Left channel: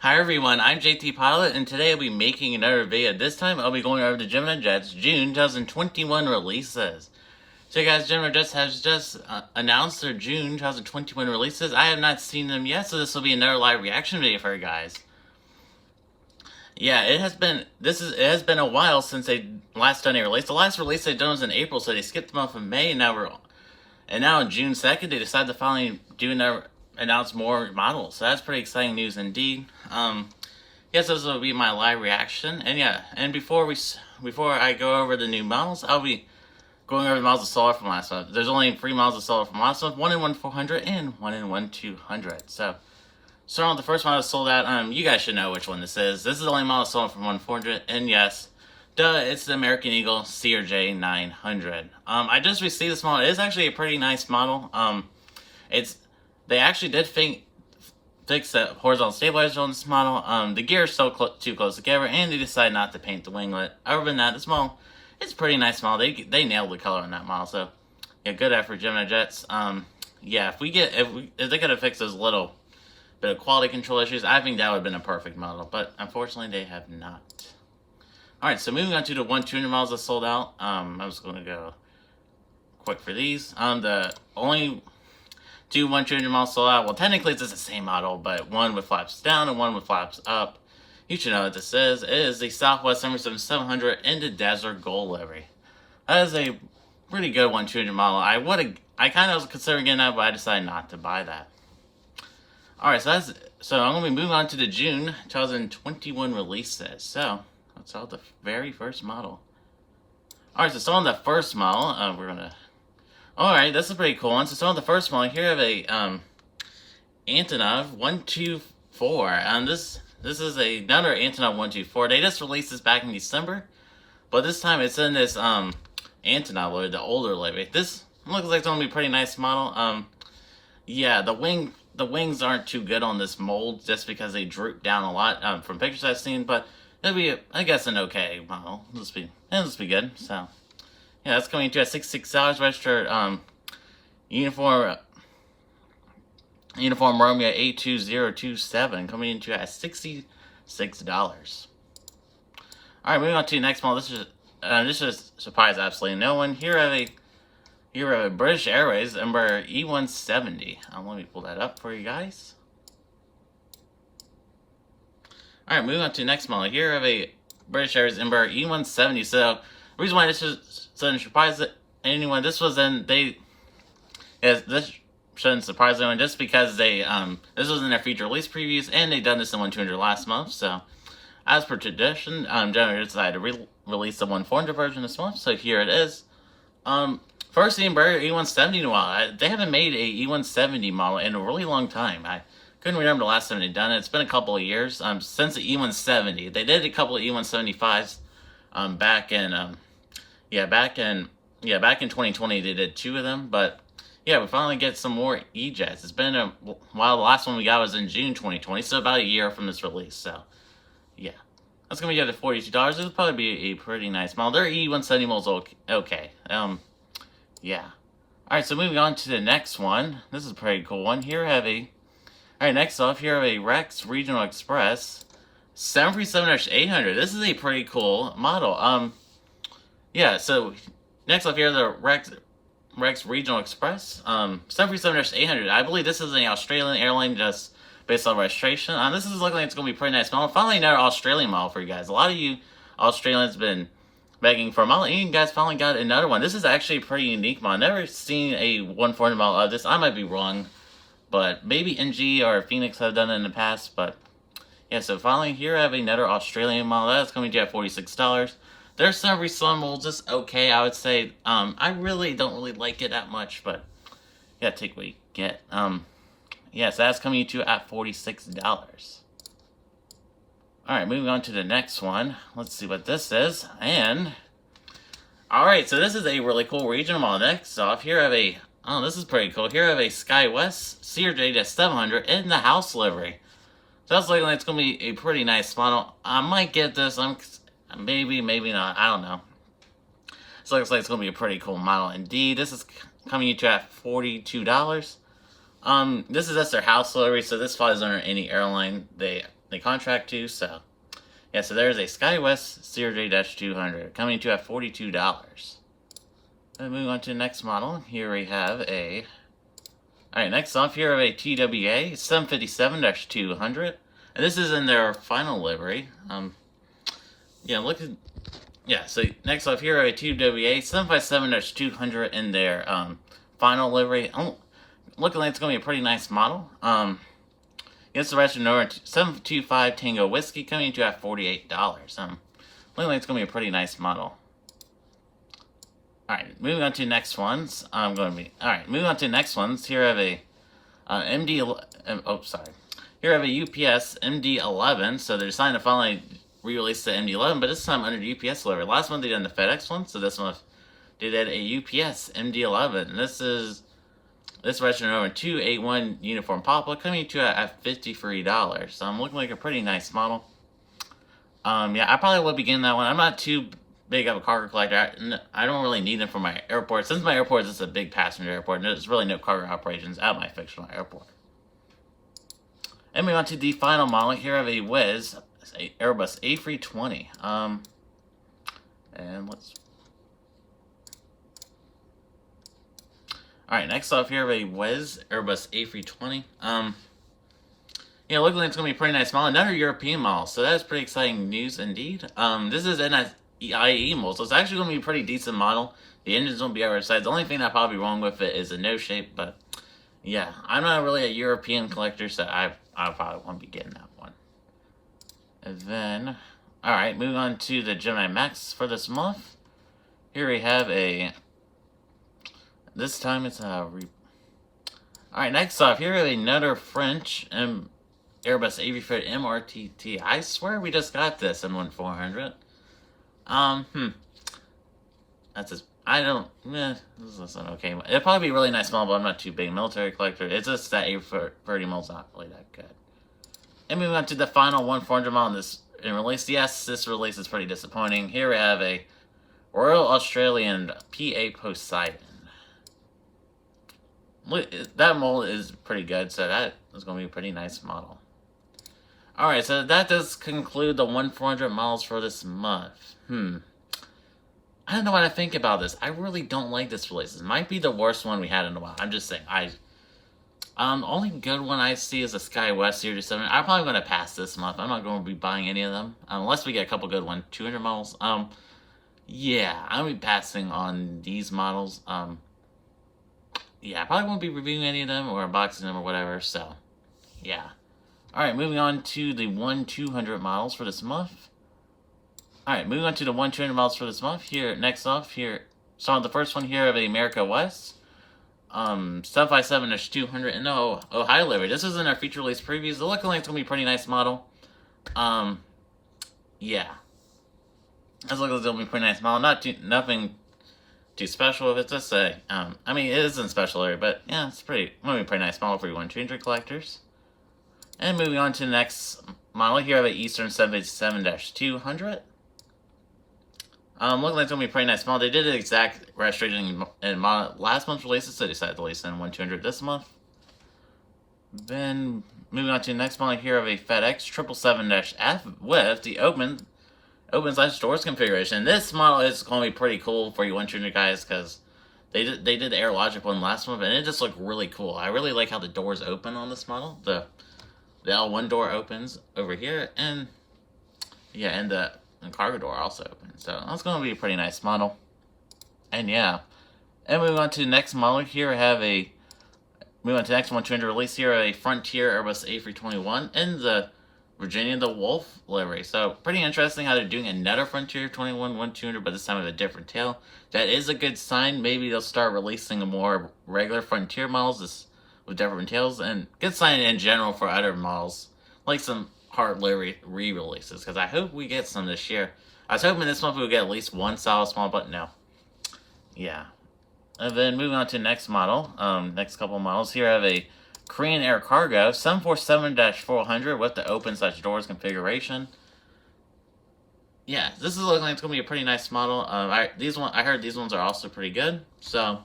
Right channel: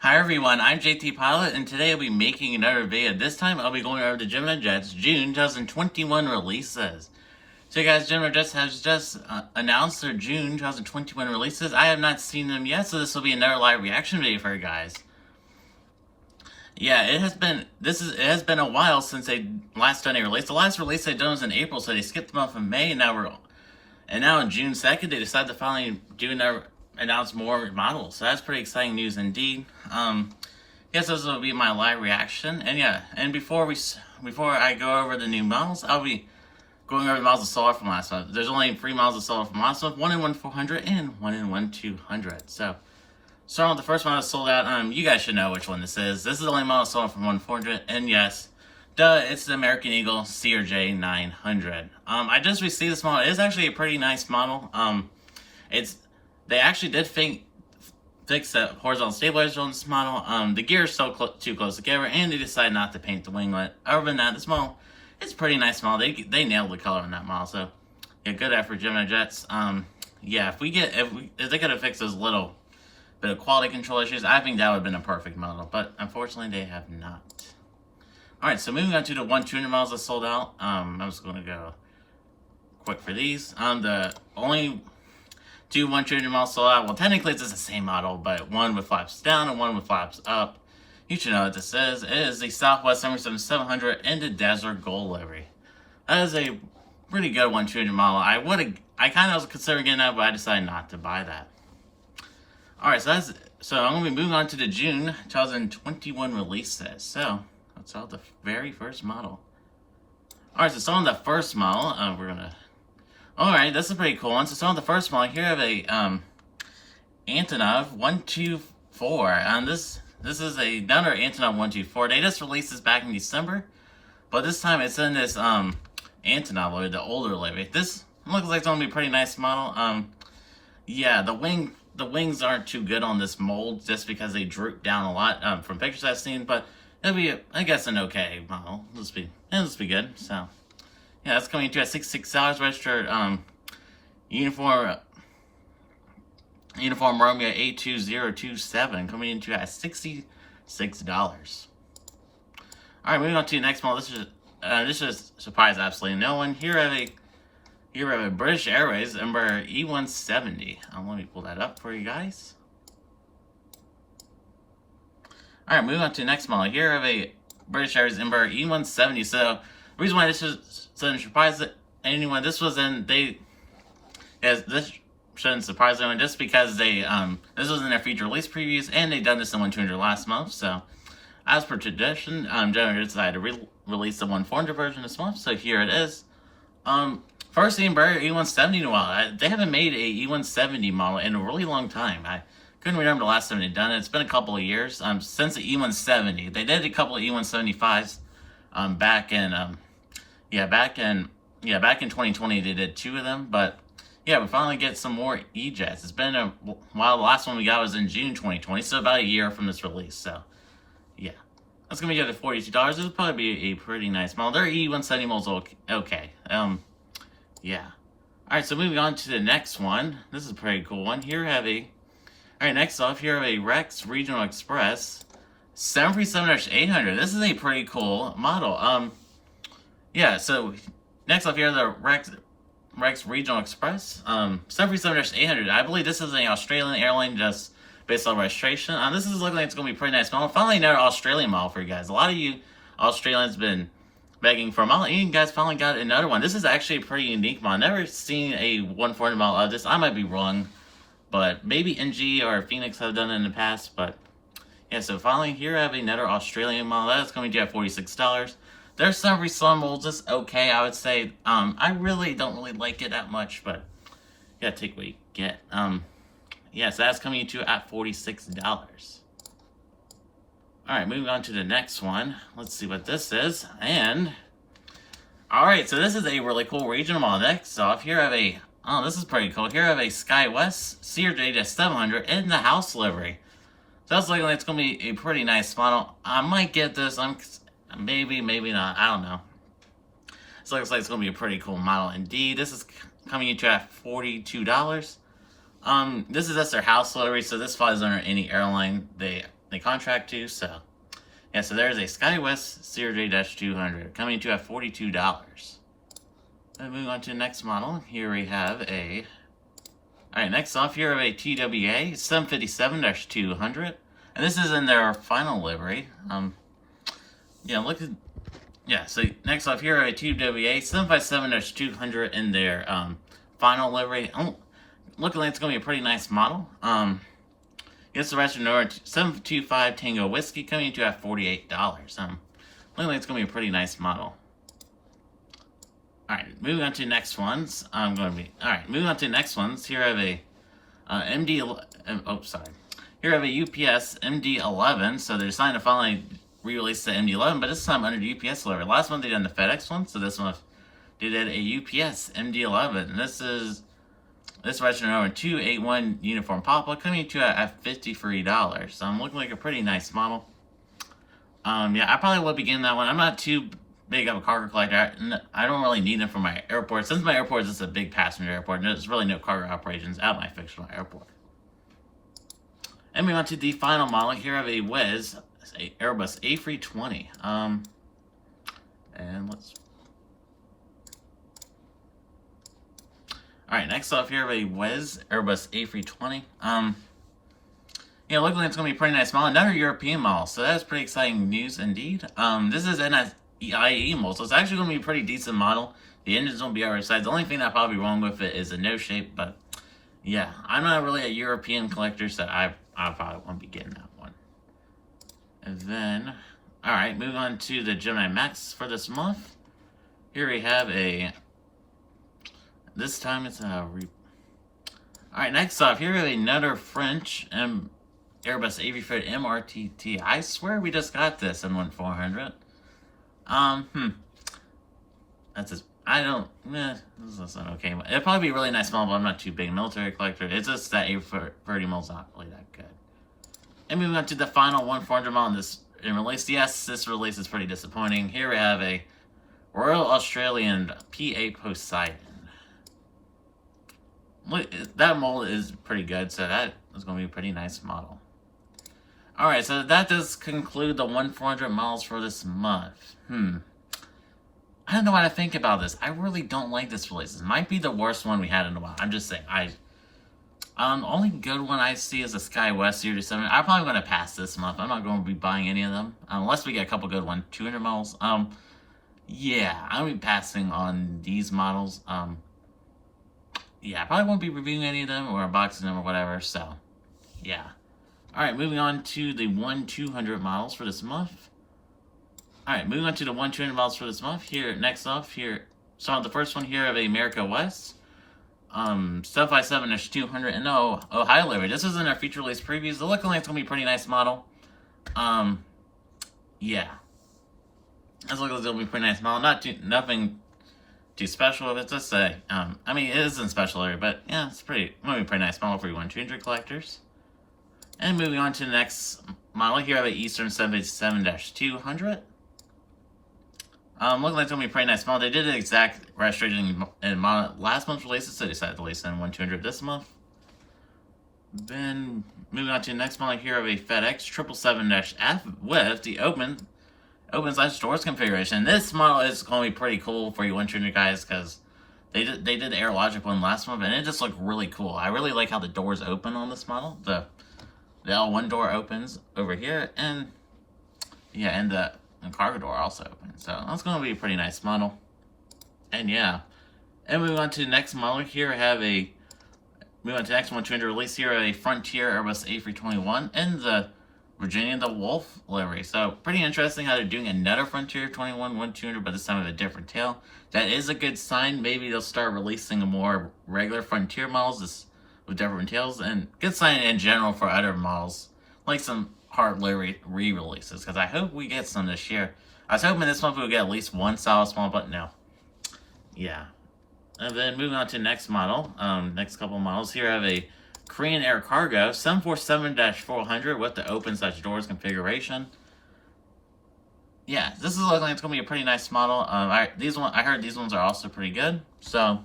Hi everyone, I'm JT Pilot, and today I'll be making another video. This time I'll be going over the Gemini Jets June 2021 releases. So guys, Gemini Jets has just announced their June 2021 releases. I have not seen them yet, so this will be another live reaction video for you guys. Yeah, it has been a while since they last done a release. The last release they done was in April, so they skipped them off in May, and now on June 2nd they decided to finally announce more models. So that's pretty exciting news indeed. Yes, this will be my live reaction. And yeah, and before I go over the new models, I'll be going over the models of solar from last month. There's only 3 models of solar from last month, 1 in 1/400 and 1 in 1/200. So starting with the first model sold out. You guys should know which one this is. This is the only model sold from 1/400, and yes, duh, it's the American Eagle Crj 900. I just received this model. It is actually a pretty nice model. They actually did fix the horizontal stabilizer on this model. The gear is still too close together, and they decided not to paint the winglet. Other than that, this model, it's a pretty nice model. They nailed the color on that model, so yeah, good effort, Gemini Jets. Yeah, if they could have fixed those little bit of quality control issues, I think that would have been a perfect model, but unfortunately they have not. Alright, so moving on to the 1/200 models that sold out. I'm just going to go quick for these. The only 2 1/200 models sold out. Well, technically it's just the same model, but one with flaps down and one with flaps up. You should know what this is. It is the Southwest 777-700 in the Desert Gold livery. That is a pretty good 1/200 model. I kind of was considering getting that, but I decided not to buy that. Alright, so I'm going to be moving on to the June 2021 releases. So let's start with the very first model. Alright, so starting with the first model, alright, this is a pretty cool one. So starting with the first model, here I have a Antonov 124. This is another Antonov 124. They just released this back in December, but this time it's in this Antonov, or the older livery. This looks like it's going to be a pretty nice model. Yeah, the wings aren't too good on this mold just because they droop down a lot from pictures I've seen, but it'll be, I guess, an okay model. It'll just be good. So yeah, that's coming to at $66 registered uniform Romeo 82027 coming into at $66. Alright, moving on to the next model. This is surprise absolutely no one. Here I have a British Airways Ember E170. Let me pull that up for you guys. Alright, moving on to the next model. Here I have a British Airways Ember E170. So the reason why this is sudden surprise anyone, this shouldn't surprise anyone just because this was in their feature release previews, and they done this in 1/200 last month. So as per tradition, Gemini decided to release the 1/400 version this month. So here it is. First the Embraer E170 in a while. They haven't made a E170 model in a really long time. I couldn't remember the last time they'd done it. It's been a couple of years since the E170. They did a couple of E175s back in 2020. They did 2 of them, but yeah, we finally get some more E-Jets. It's been a while. The last one we got was in June 2020, so about a year from this release. So yeah, that's gonna be good at $42. It'll probably be a pretty nice model. Their E170 model's okay. Yeah. Alright, so moving on to the next one. This is a pretty cool one. Alright, next off, here I have a Rex Regional Express 737-800. This is a pretty cool model. Yeah, so next off here, the Rex Regional Express 737-800. I believe this is an Australian airline just based on registration. This is looking like it's going to be a pretty nice model. Finally, another Australian model for you guys. A lot of you Australians been begging for a model, and you guys finally got another one. This is actually a pretty unique model. I've never seen a 1/400 model of this. I might be wrong, but maybe NG or Phoenix have done it in the past. But yeah, so finally here I have another Australian model. That's coming to at $46. There's some resemble just okay, I would say. I really don't like it that much, but you gotta take what you get. Yeah, so that's coming to at $46. Alright, moving on to the next one. Let's see what this is. Alright, so this is a really cool regional model. Next off, here I have this is pretty cool. Here I have a SkyWest Crj 700 in the house livery. So that's looking like it's going to be a pretty nice model. I might get this. Maybe not. I don't know. So it looks like it's going to be a pretty cool model indeed. This is coming into at $42. This is just their house livery, so this flies under any airline. they contract to. So yeah, so there's a SkyWest CRJ-200 coming to at $42. And moving on to the next model, here we have a... Alright, next off, here we have a TWA 757-200. And this is in their final livery. Yeah, look at... Yeah, so next off, here we have a TWA 757-200 in their final livery. Oh, looking like it's going to be a pretty nice model. Against the rest of Nora 725 Tango Whiskey coming to at $48. Looking like it's going to be a pretty nice model. Alright, moving on to the next ones. Moving on to the next ones. Here I have a Here I have a UPS MD-11. So they're deciding to finally re-release the MD-11, but this time under the UPS delivery. Last month they did the FedEx one, so this month they did a UPS MD-11. And this registered over 281 uniform Papa coming to at $53. So I'm looking like a pretty nice model. Yeah, I probably will be getting that one. I'm not too big of a cargo collector. I don't really need them for my airport. Since my airport is just a big passenger airport, and there's really no cargo operations at my fictional airport. And we went to the final model. Here I have a Wiz, Airbus A320. And let's... Alright, next off here I have a Wiz, Airbus A320. Yeah, looking like it's going to be a pretty nice model. Another European model, so that's pretty exciting news indeed. This is IAE model, so it's actually going to be a pretty decent model. The engines won't be outside. The only thing that probably wrong with it is the nose shape, but yeah, I'm not really a European collector, so I probably won't be getting that one. And then, alright, moving on to the Gemini Max for this month. Here we have a... This time it's a... Alright, next off, here we have another French Airbus A350 MRTT. I swear we just got this in 1400. That's just... I don't... this is an okay. It'll probably be a really nice model, but I'm not too big a military collector. It's just that A30 model's not really that good. And moving on to the final 1400 model in this release. Yes, this release is pretty disappointing. Here we have a Royal Australian PA Poseidon. Look, that mold is pretty good, so that is going to be a pretty nice model. Alright, so that does conclude the 1400 models for this month. I don't know what I think about this. I really don't like this release. This might be the worst one we had in a while. I'm just saying. Only good one I see is the SkyWest Series 7. I'm probably going to pass this month. I'm not going to be buying any of them. Unless we get a couple good ones. 200 models. Yeah, I'll be passing on these models. Yeah, I probably won't be reviewing any of them or unboxing them or whatever, so, yeah. Alright, moving on to the 1-200 models for this month. Alright, moving on to the 1-200 models for this month. Here, next off, here, so the first one here of America West. 757-200 and Ohio Livery. This is in our feature release previews. The looking like it's going to be a pretty nice model. Yeah. This looks like it's going to be a pretty nice model. Nothing too special with it, just say. I mean, it isn't special area, but yeah, it's going to be a pretty nice model for you 1-200 collectors. And moving on to the next model, here I have an Eastern 787-200. Looking like it's going to be a pretty nice model. They did an exact registration in last month's releases, so they decided to release in 1-200 this month. Then, moving on to the next model, here I have a FedEx 777-F with the open/doors configuration. This model is going to be pretty cool for you 1-200 guys, because they did the AirLogic one last month, and it just looked really cool. I really like how the doors open on this model. The L1 door opens over here, and yeah, and the cargo door also opens. So that's going to be a pretty nice model. And yeah, and moving on to the next model, here I have a moving on to the next 1-200 release. Here a Frontier Airbus A321 and the Virginia the Wolf livery. So pretty interesting how they're doing another Frontier 21 1-200, but this time with a different tail. That is a good sign. Maybe they'll start releasing a more regular Frontier models with different tails, and good sign in general for other models, like some hard livery re-releases, because I hope we get some this year. I was hoping this month we'll get at least one solid small, but no. Yeah. And then moving on to the next model, next couple of models. Here I have a Korean Air Cargo 747-400 with the open/doors configuration. Yeah, this is looking like it's going to be a pretty nice model. I heard these ones are also pretty good. So,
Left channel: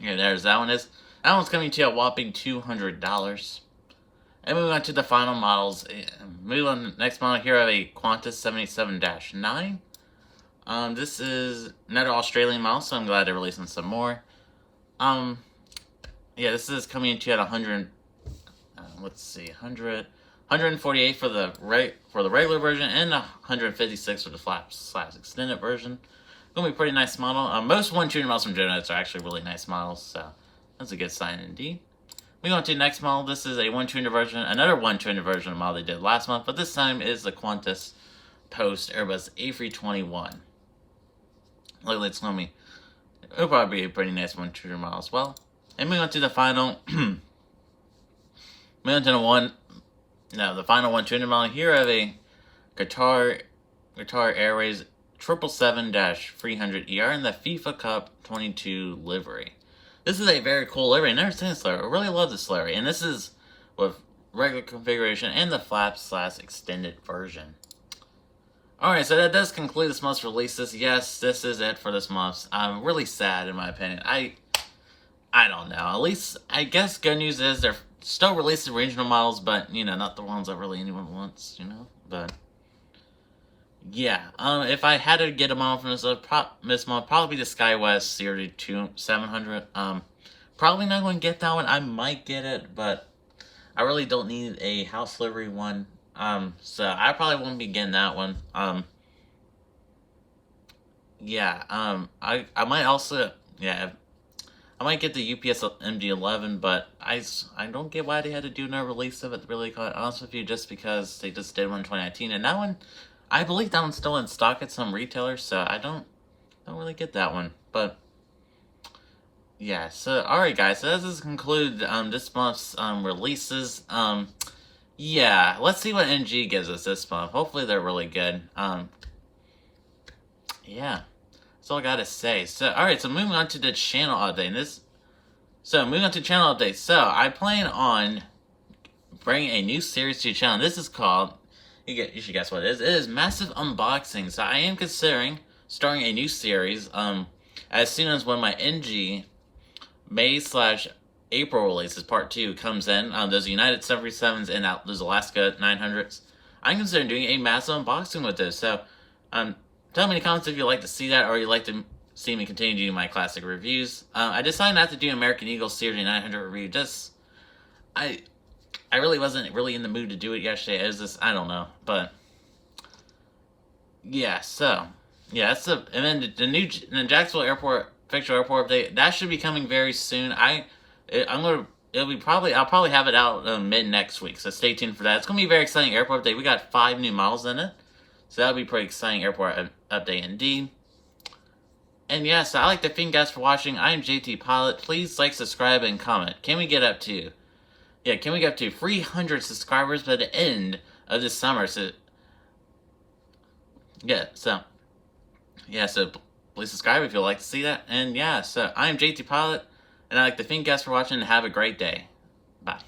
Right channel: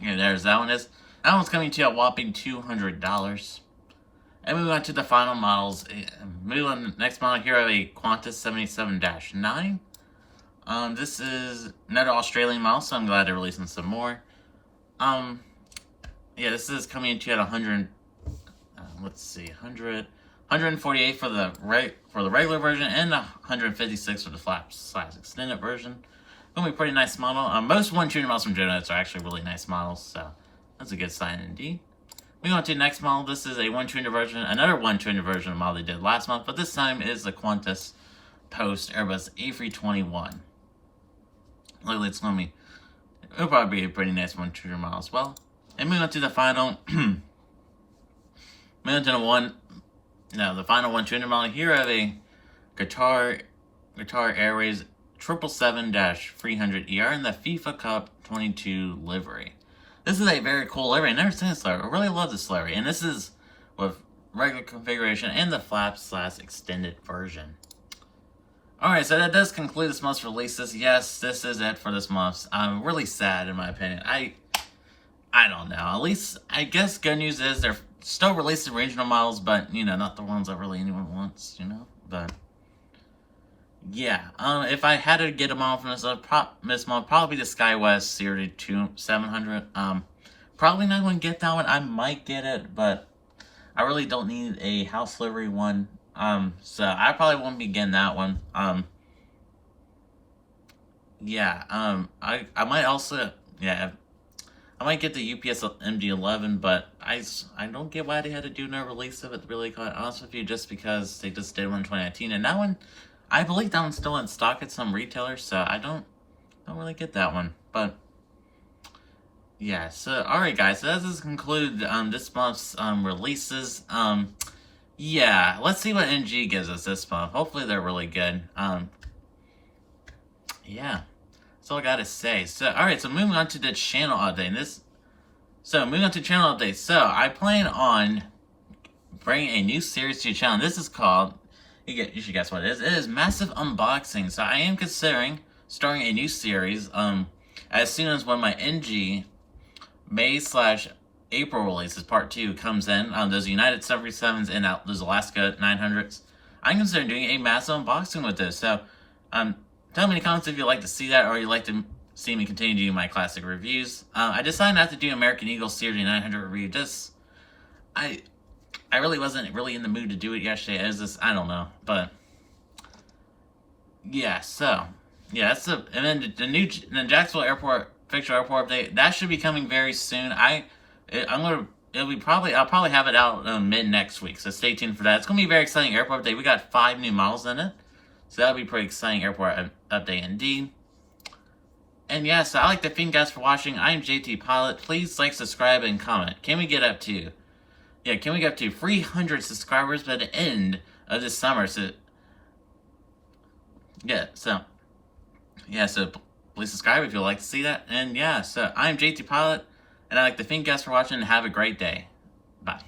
here, there's that one. That one's coming to a whopping $200. And moving on to the final models. Moving on to the next model here, I have a Qantas 77-9. This is another Australian model, so I'm glad they're releasing some more. Yeah, this is coming into at 100. Let's see, 148 for the regular version, and 156 for the flap/extended version. Gonna be a pretty nice model. Most 1-tuner models from Gemini Jets are actually really nice models, so that's a good sign indeed. We go on to the next model. This is a 1-tuner version, another 1-tuner version of the model they did last month, but this time is the Qantas Post Airbus A321. Luckily, it's gonna be, it'll probably be a pretty nice 1-tuner model as well. And moving on to the final, moving on to the final 1-tuner model. Here I have a Qatar Airways 777-300ER in the FIFA Cup 22 livery. This is a very cool livery. I've never seen this livery. I really love this livery. And this is with regular configuration and the flap/extended version. Alright, so that does conclude this month's releases. Yes, this is it for this month. I'm really sad, in my opinion. I don't know. At least, I guess good news is they're still releasing regional models, but, you know, not the ones that really anyone wants, you know? But, yeah. If I had to get them all from this month, probably the SkyWest Series 700. Probably not going to get that one. I might get it, but I really don't need a house livery one. So I probably won't be getting that one. Yeah, I might also, yeah, I might get the UPS MD-11, but I don't get why they had to do no release of it, to be really quite honest with you, just because they just did one in 2019, and that one, I believe that one's still in stock at some retailers, so I don't really get that one, but, yeah, so, alright guys, so that does conclude, this month's, releases. Yeah, let's see what NG gives us this month. Hopefully they're really good. Yeah, that's all I gotta say. So, alright, so moving on to the channel update. Moving on to channel update. So, I plan on bringing a new series to your channel. This is called, you should guess what it is. It is Massive Unboxing. So, I am considering starting a new series, as soon as when my NG May/April releases, part 2, comes in. There's United 737s and those Alaska 900s. I'm considering doing a massive unboxing with this. So, tell me in the comments if you'd like to see that, or you'd like to see me continue doing my classic reviews. I decided not to do American Eagle Series 900 review. I really wasn't really in the mood to do it yesterday. It was just, I don't know. But, yeah, so, yeah, and then the Jacksonville Airport, Fictional Airport update, that should be coming very soon. I'll probably have it out mid next week, so stay tuned for that. It's gonna be a very exciting airport update. We got 5 new models in it, so that'll be pretty exciting airport update indeed. And yeah, so I'd like to thank you guys for watching. I'm JT Pilot. Please like, subscribe, and comment. Can we get up to 300 subscribers by the end of this summer? So please subscribe if you'd like to see that. And yeah, so I'm JT Pilot. And I'd like to thank you guys for watching, and have a great day. Bye.